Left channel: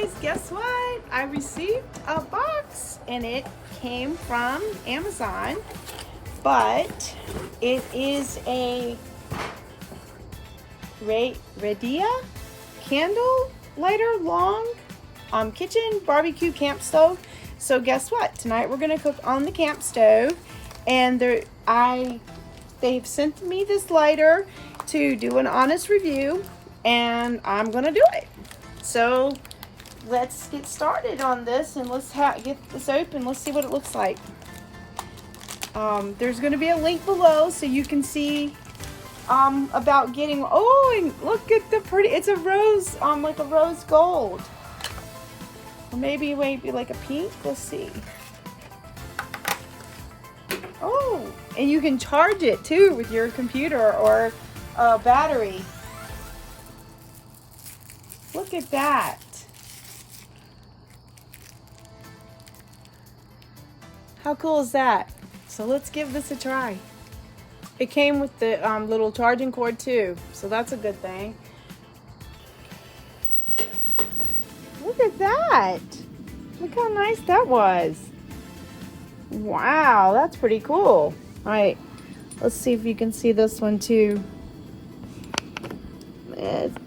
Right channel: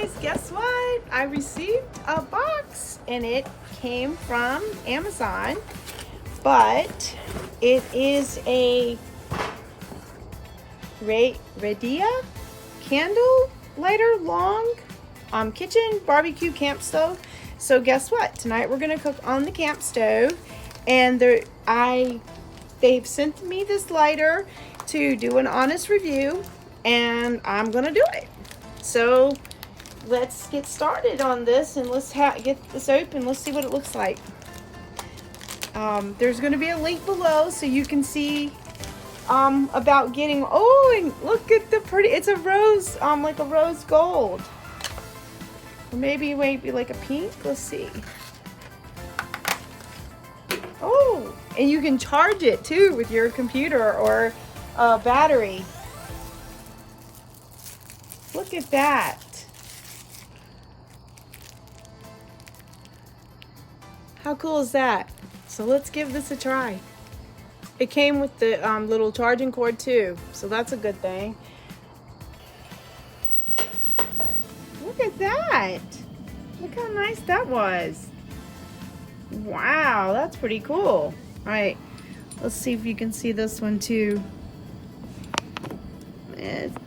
guys, guess what? I received a box and it came from Amazon, but it is a ReIdea candle lighter long kitchen barbecue camp stove. So guess what? Tonight we're gonna cook on the camp stove, and they've sent me this lighter to do an honest review, and I'm gonna do it. So let's get started on this, and let's get this open. Let's see what it looks like. There's going to be a link below so you can see about getting. Oh, and look at the pretty. It's a rose, like a rose gold, or maybe it might be like a pink. Let's see. Oh, and you can charge it too with your computer or a battery. Look at that. How cool is that? So let's give this a try. It came with the little charging cord too, so that's a good thing. Look at that. Look how nice that was. Wow, that's pretty cool. All right, let's see if you can see this one too.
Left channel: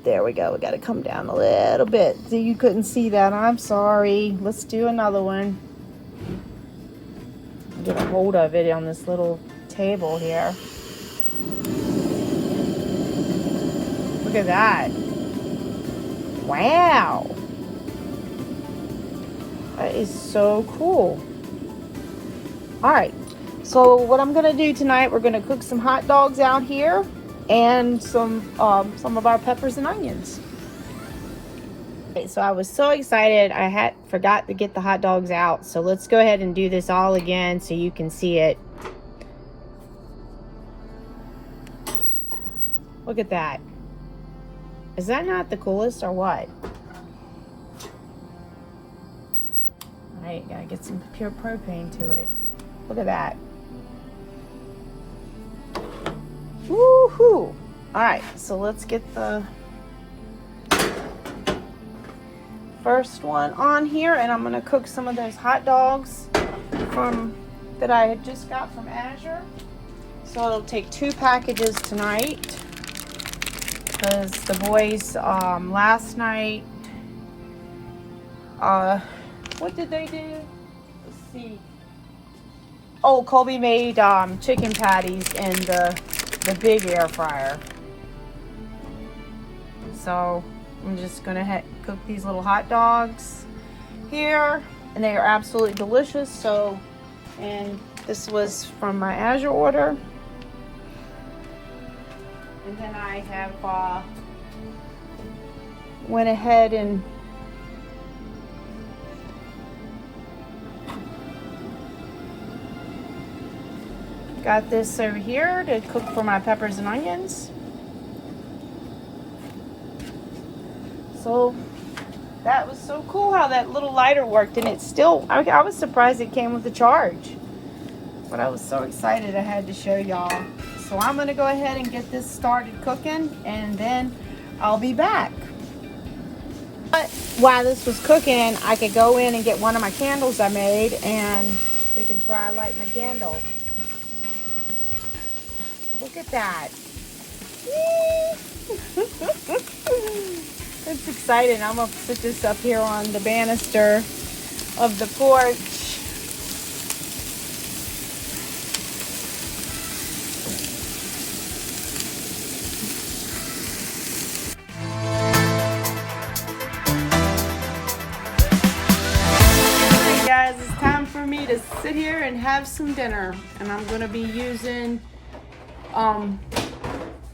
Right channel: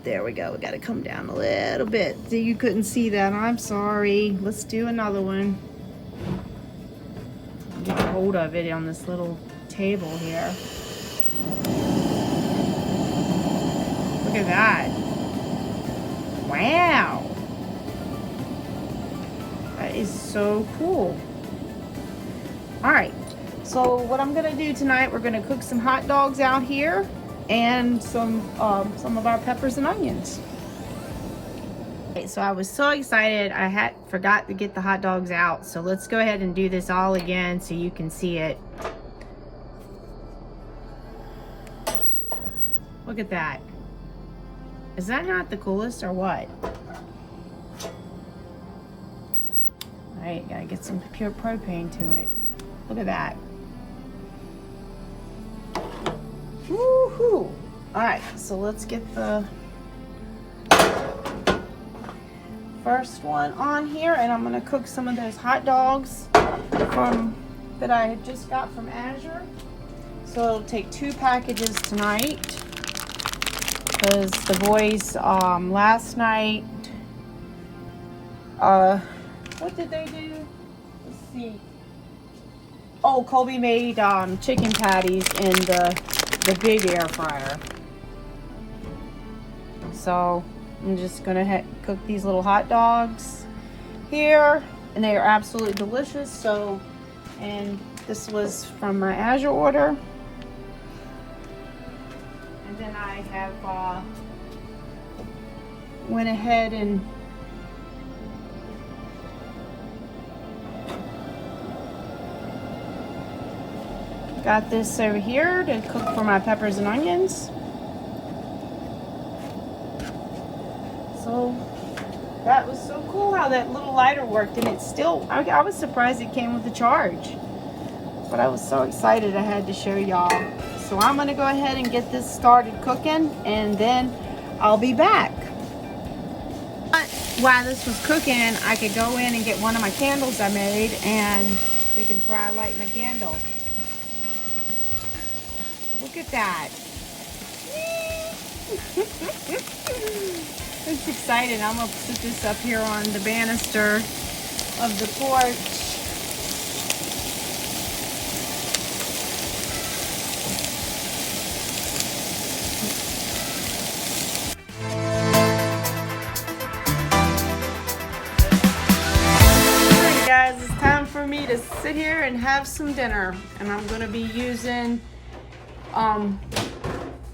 There we go. We got to come down a little bit. So you couldn't see that. I'm sorry. Let's do another one. I'll get a hold of it on this little table here. Look at that. Wow. That is so cool. All right. So what I'm going to do tonight, we're going to cook some hot dogs out here, and some of our peppers and onions. Okay, so I was so excited I forgot to get the hot dogs out. So let's go ahead and do this all again so you can see it. Look at that. Is that not the coolest or what? All right, gotta get some pure propane to it. Look at that. Woohoo! All right, so let's get the first one on here, and I'm gonna cook some of those hot dogs that I had just got from Azure. So it'll take 2 packages tonight, because the boys last night, what did they do? Let's see. Oh, Colby made chicken patties in the big air fryer. So I'm just gonna cook these little hot dogs here, and they are absolutely delicious. So, and this was from my Azure order, and then I have went ahead and got this over here to cook for my peppers and onions. So that was so cool how that little lighter worked, and it's still, I was surprised it came with the charge, but I was so excited I had to show y'all. So I'm gonna go ahead and get this started cooking, and then I'll be back. But while this was cooking, I could go in and get one of my candles I made, and we can try lighting a candle. Look at that. It's exciting. I'm going to put this up here on the banister of the porch. Alright guys, it's time for me to sit here and have some dinner. And I'm going to be using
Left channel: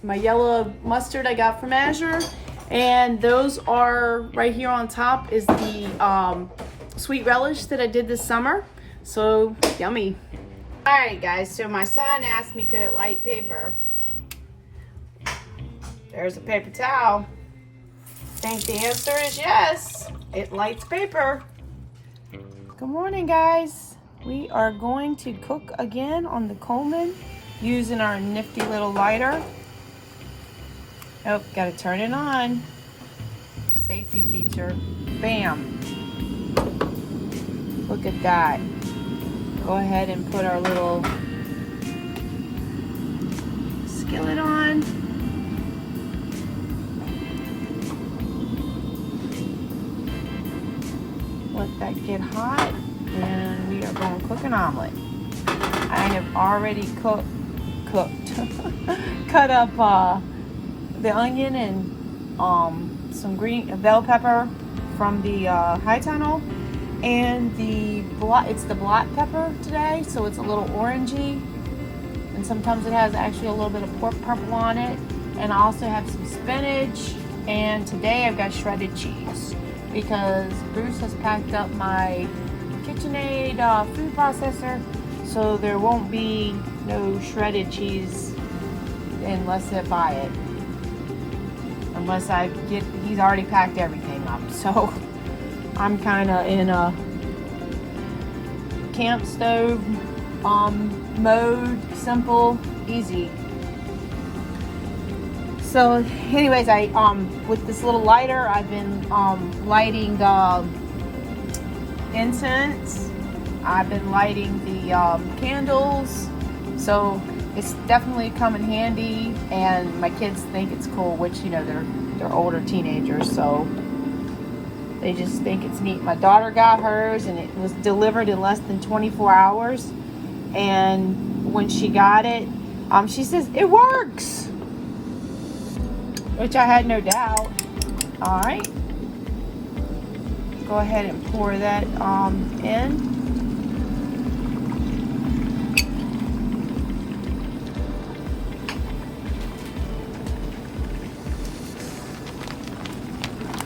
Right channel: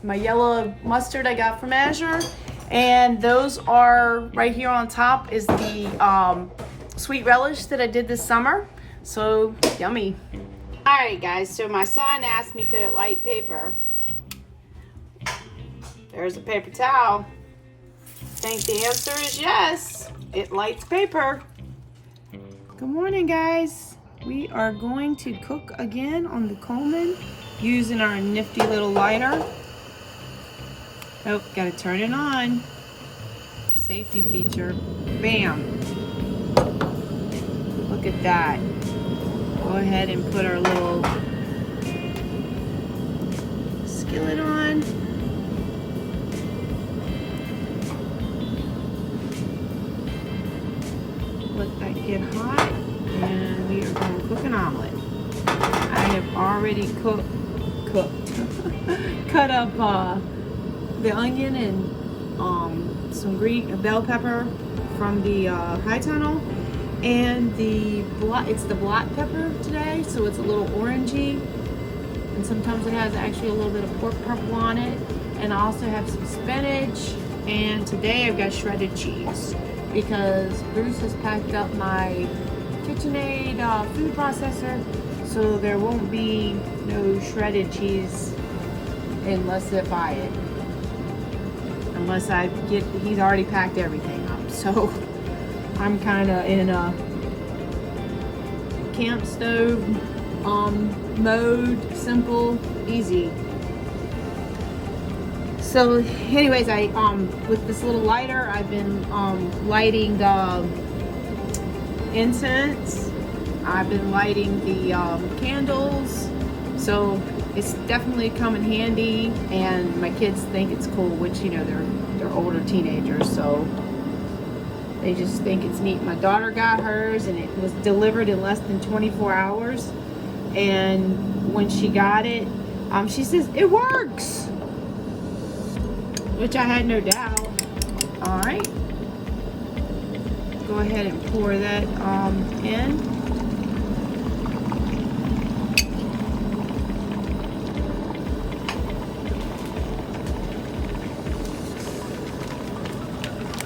my yellow mustard I got from Azure, and those are right here on top is the sweet relish that I did this summer. So yummy. All right guys, so my son asked me could it light paper. There's a paper towel. I think the answer is yes, it lights paper. Good morning guys. We are going to cook again on the Coleman using our nifty little lighter. Oh, gotta turn it on. safety feature. Bam! Look at that. Go ahead and put our little skillet on. Let that get hot, and we are going to cook an omelet. I have already cooked cut up the onion and some green bell pepper from the high tunnel, and it's the black pepper today, so it's a little orangey, and sometimes it has actually a little bit of pork purple on it. And I also have some spinach, and today I've got shredded cheese because Bruce has packed up my KitchenAid food processor, so there won't be no shredded cheese unless I buy it. Unless he's already packed everything up. So I'm kind of in a camp stove mode, simple, easy. So anyways, I with this little lighter, I've been lighting the incense. I've been lighting the candles, so it's definitely come in handy, and my kids think it's cool, which, you know, they're older teenagers, so they just think it's neat. My daughter got hers, and it was delivered in less than 24 hours, and when she got it, she says, it works, which I had no doubt. All right, go ahead and pour that in.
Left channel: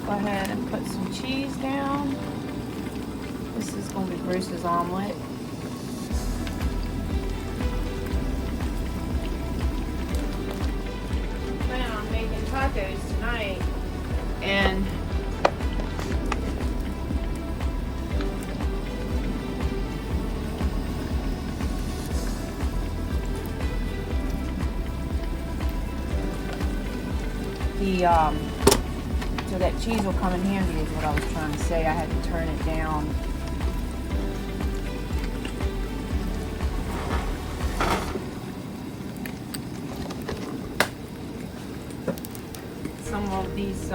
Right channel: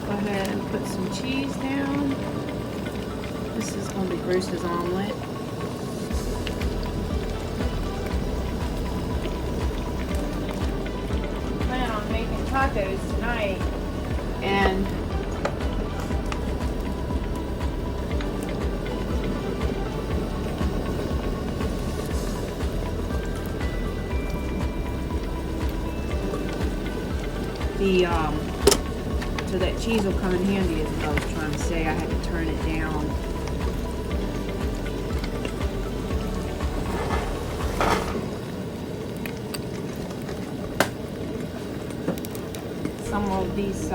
Go ahead and put some cheese down. This is going to be Bruce's omelet. I plan on making tacos tonight, and so that cheese will come in handy is what I was trying to say. I had to turn it down. Some of these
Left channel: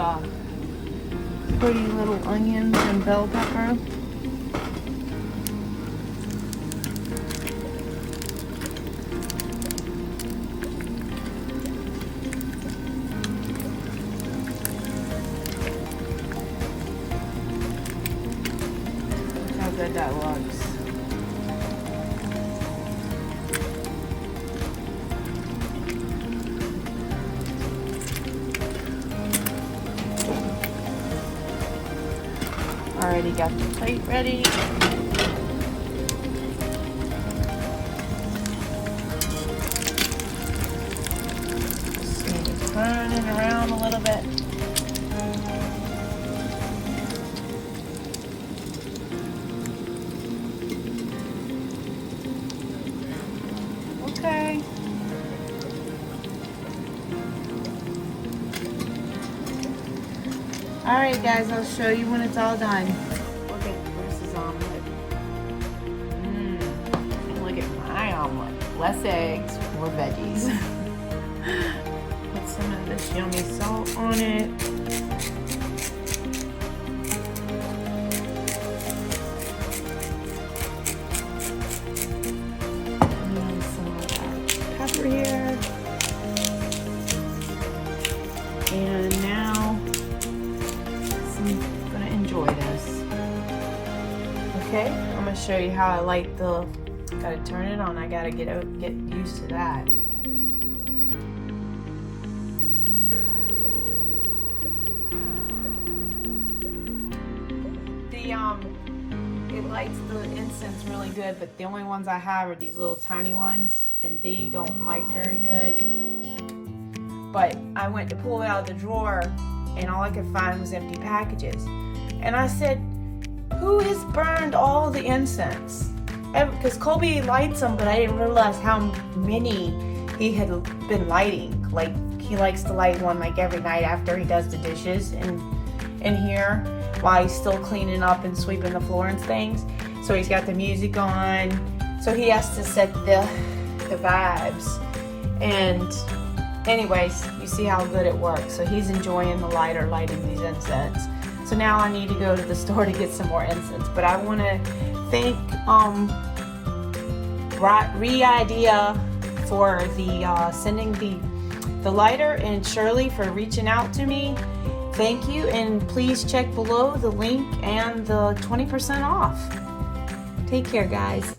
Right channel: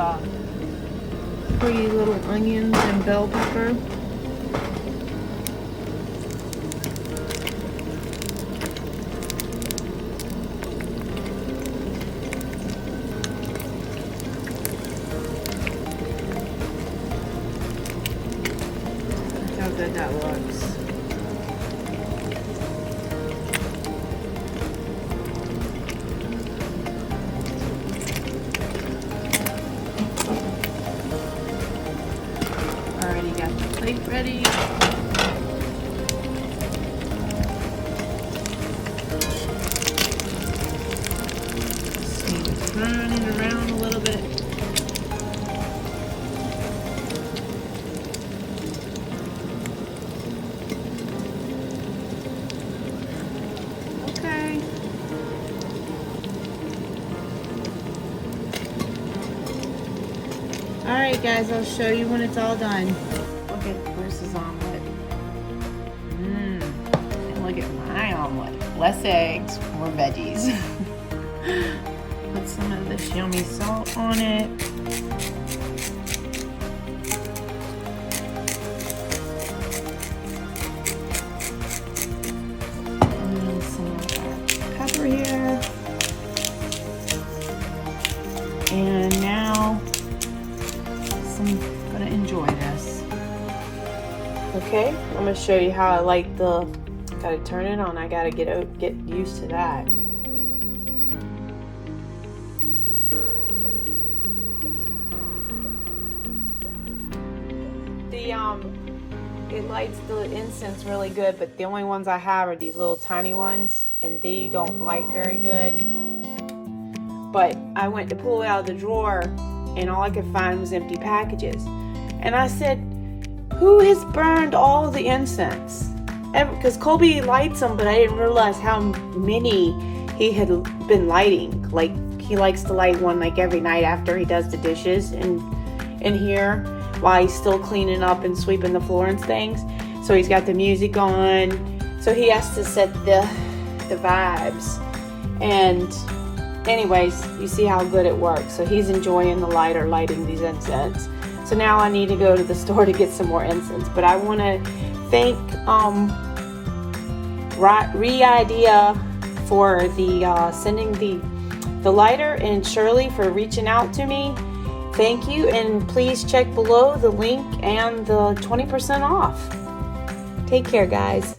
pretty little onions and bell pepper. How good that looks. Already got the plate ready. Just need to turn it around a little bit. Okay. Alright guys, I'll show you when it's all done. Look at Bruce's omelet. And look at my omelet. Less eggs, more veggies. Put some of this yummy salt on it. And some of that pepper here. And now I'm gonna enjoy this. Okay, I'm gonna show you how I like gotta turn it on. I gotta get used to that. It lights the incense really good, but the only ones I have are these little tiny ones, and they don't light very good. But I went to pull it out of the drawer, and all I could find was empty packages. And I said, who has burned all the incense? Because Colby lights them, but I didn't realize how many he had been lighting. Like, he likes to light one like every night after he does the dishes. And in here while he's still cleaning up and sweeping the floor and things. So he's got the music on. So he has to set the vibes. And anyways, you see how good it works. So he's enjoying the lighter lighting these incense. So now I need to go to the store to get some more incense. But I want to thank ReIdea for the sending the lighter, and Shirley for reaching out to me. Thank you, and please check below the link and the 20% off. Take care, guys.